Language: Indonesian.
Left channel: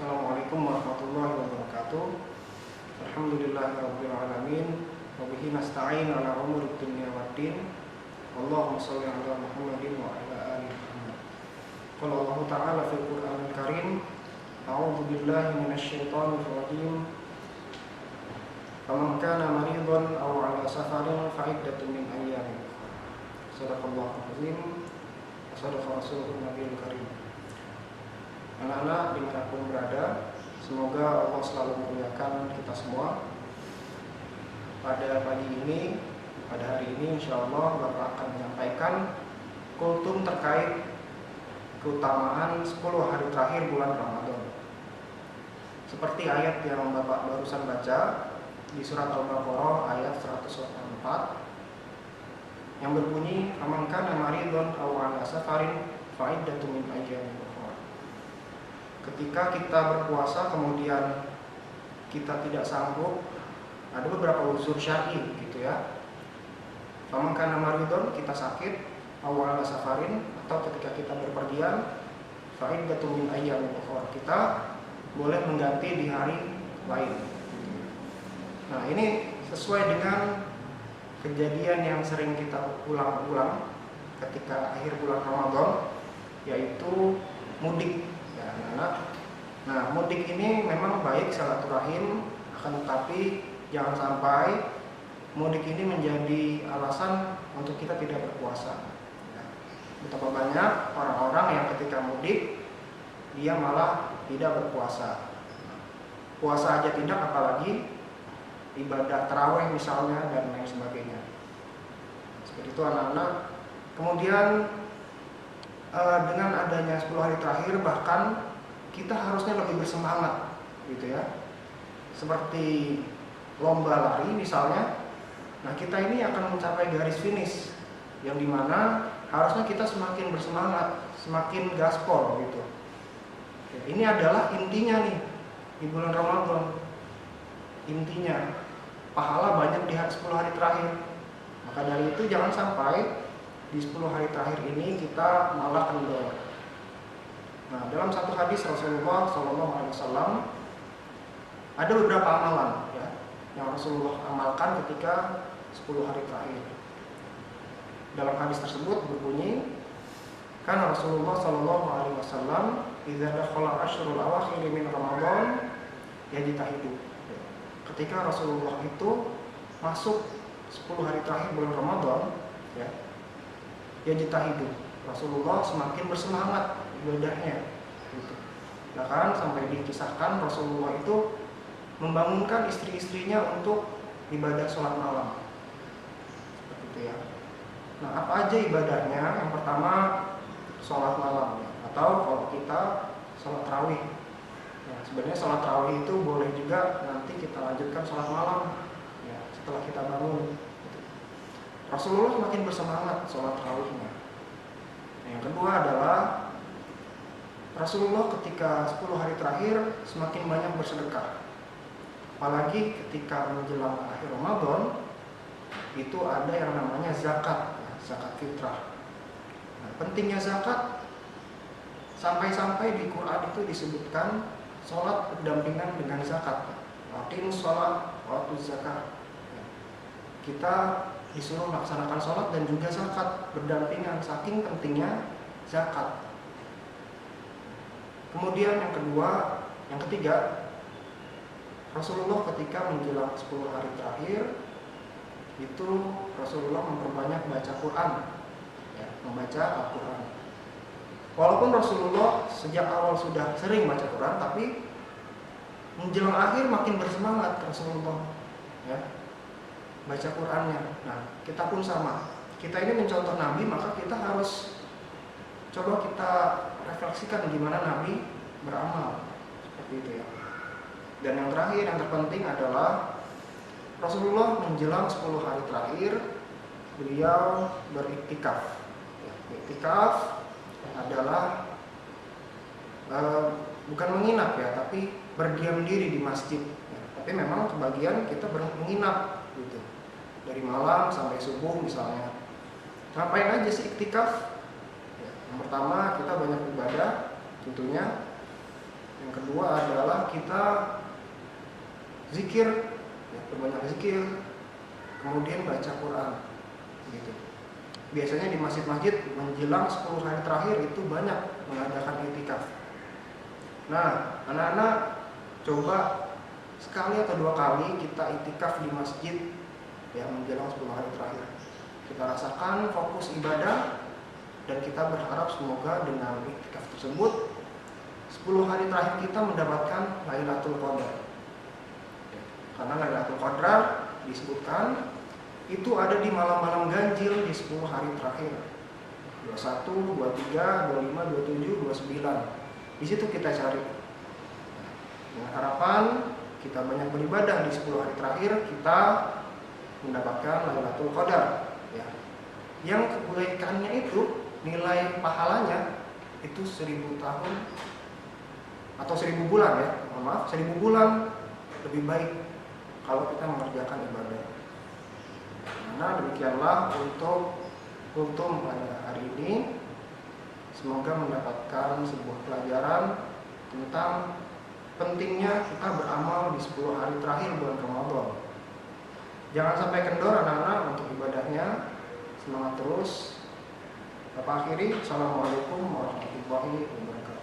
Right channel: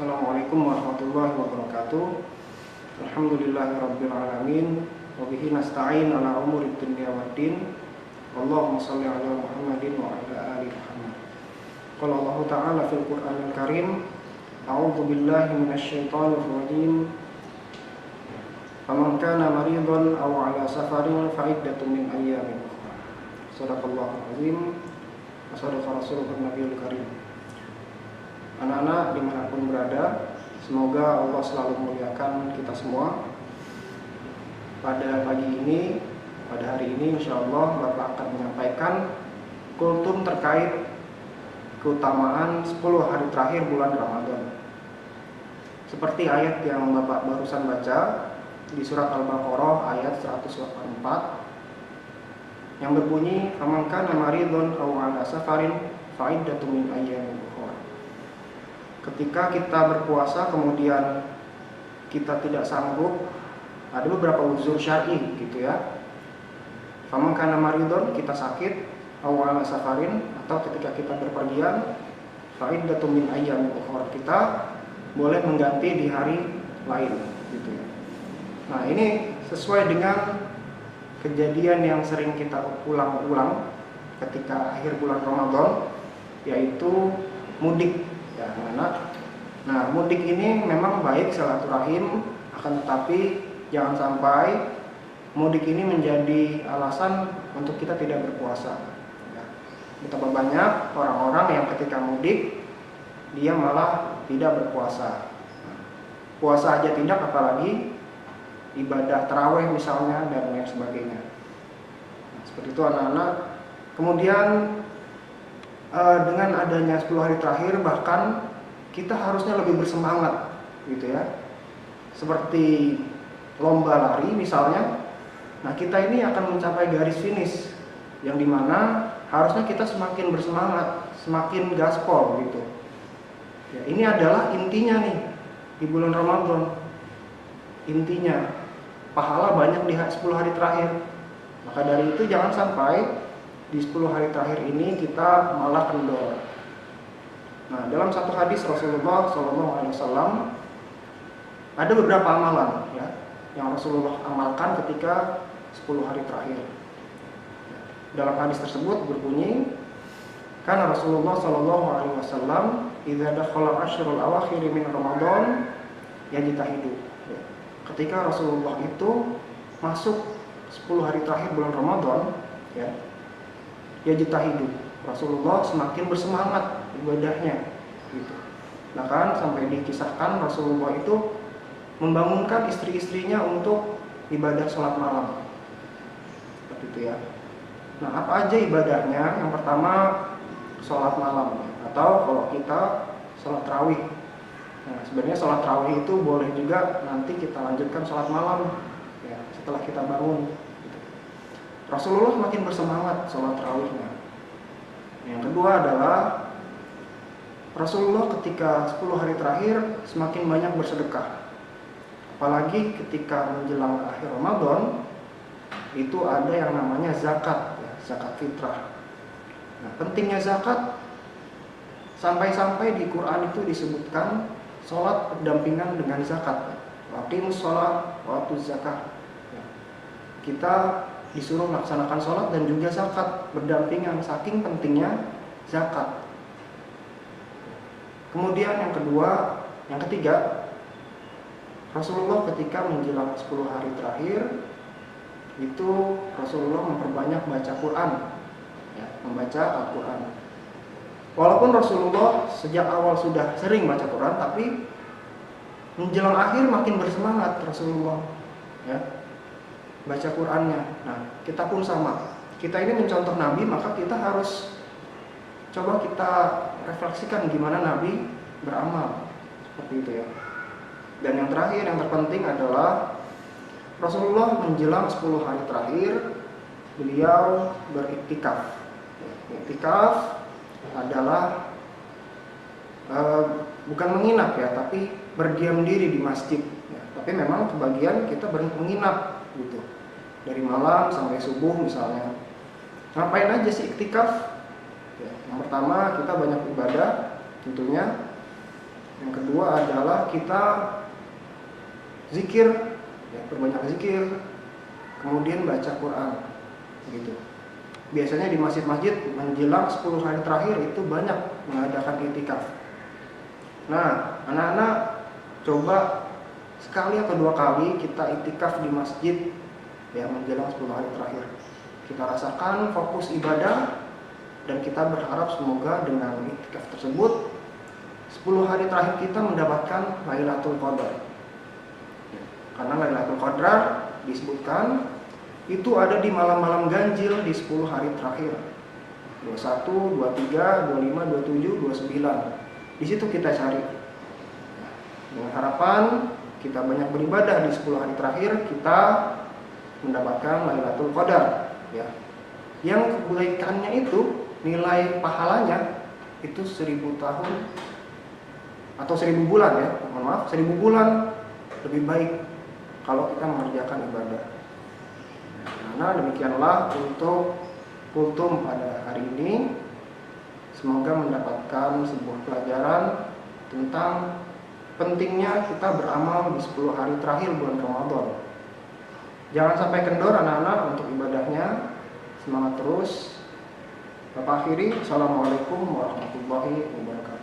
Assalamualaikum warahmatullahi wabarakatuh. Alhamdulillahirabbil alamin wa bihi nasta'in ala umurid dunya waddin. Allahumma shalli ala Muhammadin wa ala ali Muhammad. Qala Allah Ta'ala fil Qur'anil Karim, a'udzu billahi minasyaitonir rajim. Faman kana maridan aw ala safarin fa iddatun min ayyamin ukhra. Shadaqallahul azim wa shadaqa rasuluhun nabiyul karim. Anak-anak dimanapun berada, semoga Allah selalu memuliakan kita semua. Pada pagi ini, pada hari ini insya Allah Bapak akan menyampaikan kultum terkait keutamaan 10 hari terakhir bulan Ramadan. Seperti ayat yang Bapak barusan baca di surat Al-Baqarah ayat 184 yang berbunyi, "Faman kana maridun aw 'ala safarin fa iddatun min ayyamin ukhra." Ketika kita berpuasa kemudian kita tidak sanggup, ada beberapa uzur syar'i gitu ya. Faman kana maridun, kita sakit, aw 'ala safarin, atau ketika kita berpergian, fa iddatun min ayyamin ukhra, kita boleh mengganti di hari lain gitu ya. Nah, ini sesuai dengan kejadian yang sering kita ulang-ulang ketika akhir bulan Ramadan, yaitu mudik ya anak-anak. Nah, mudik ini memang baik silaturahim, akan tetapi jangan sampai mudik ini menjadi alasan untuk kita tidak berpuasa ya. Betapa banyak orang-orang yang ketika mudik dia malah tidak berpuasa. Puasa aja tidak, apalagi ibadah tarawih misalnya dan lain sebagainya. Nah, seperti itu anak-anak. Kemudian dengan adanya 10 hari terakhir bahkan kita harusnya lebih bersemangat gitu ya. Seperti lomba lari misalnya. Nah, kita ini akan mencapai garis finish yang dimana harusnya kita semakin bersemangat, semakin gaspol gitu ya. Ini adalah intinya nih di bulan Ramadan. Intinya pahala banyak di 10 hari terakhir. Maka dari itu jangan sampai di 10 hari terakhir ini kita malah kendor. Nah, dalam satu hadis Rasulullah SAW ada beberapa amalan ya yang Rasulullah amalkan ketika 10 hari terakhir. Dalam hadis tersebut berbunyi, karena Rasulullah SAW idza dakhala asyrul awakhir min Ramadan yajtahidu. Ketika Rasulullah itu masuk 10 hari terakhir bulan Ramadan ya, yajtahidu, Rasulullah semakin bersemangat ibadahnya gitu. Bahkan sampai dikisahkan Rasulullah itu membangunkan istri-istrinya untuk ibadah sholat malam. Seperti itu ya. Nah, apa aja ibadahnya? Yang pertama sholat malam atau kalau kita sholat tarawih. Nah, sebenarnya sholat tarawih itu boleh juga nanti kita lanjutkan sholat malam ya, setelah kita bangun gitu. Rasulullah semakin bersemangat sholat tarawihnya. Yang kedua adalah Rasulullah ketika 10 hari terakhir semakin banyak bersedekah. Apalagi ketika menjelang akhir Ramadan itu ada yang namanya zakat ya, zakat fitrah. Nah, pentingnya zakat sampai-sampai di Quran itu disebutkan sholat berdampingan dengan zakat. Waqimus sholat wa atuz zakah. Ya. Kita disuruh melaksanakan sholat dan juga zakat berdampingan, saking pentingnya zakat. Kemudian yang ketiga, Rasulullah ketika menjelang 10 hari terakhir itu Rasulullah memperbanyak baca Quran ya, membaca Al-Quran. Walaupun Rasulullah sejak awal sudah sering baca Quran, tapi menjelang akhir makin bersemangat Rasulullah ya, baca Qurannya. Nah, kita pun sama. Kita ini mencontoh Nabi, maka kita harus coba kita refleksikan gimana Nabi beramal. Seperti itu ya. Dan yang terakhir, yang terpenting adalah Rasulullah menjelang 10 hari terakhir beliau beriktikaf ya. Iktikaf adalah bukan menginap ya, tapi berdiam diri di masjid ya. Tapi memang kebagian kita menginap gitu, dari malam sampai subuh misalnya. Ngapain aja sih iktikaf ya? Yang pertama kita banyak ibadah tentunya. Yang kedua adalah kita zikir, ya, perbanyak zikir, kemudian baca Quran, gitu. Biasanya di masjid-masjid menjelang 10 hari terakhir itu banyak mengadakan i'tikaf. Nah, anak-anak coba sekali atau 2 kali kita i'tikaf di masjid, ya, menjelang 10 hari terakhir. Kita rasakan fokus ibadah dan kita berharap semoga dengan i'tikaf tersebut 10 hari terakhir kita mendapatkan Lailatul Qadar. Ya, karena Lailatul Qadar disebutkan itu ada di malam-malam ganjil di 10 hari terakhir. 21, 23, 25, 27, 29. Di situ kita cari. Dengan harapan kita banyak beribadah di 10 hari terakhir, kita mendapatkan Lailatul Qadar, ya. Yang kebaikannya itu, nilai pahalanya itu 1000 tahun atau 1000 bulan, ya. Mohon maaf, 1000 bulan lebih baik kalau kita mengerjakan ibadah. Nah, demikianlah untuk kultum pada hari ini. Semoga mendapatkan sebuah pelajaran tentang pentingnya kita beramal di 10 hari terakhir bulan Ramadan. Jangan sampai kendor anak-anak untuk ibadahnya. Semangat terus. Bapak akhiri, Assalamualaikum warahmatullahi wabarakatuh.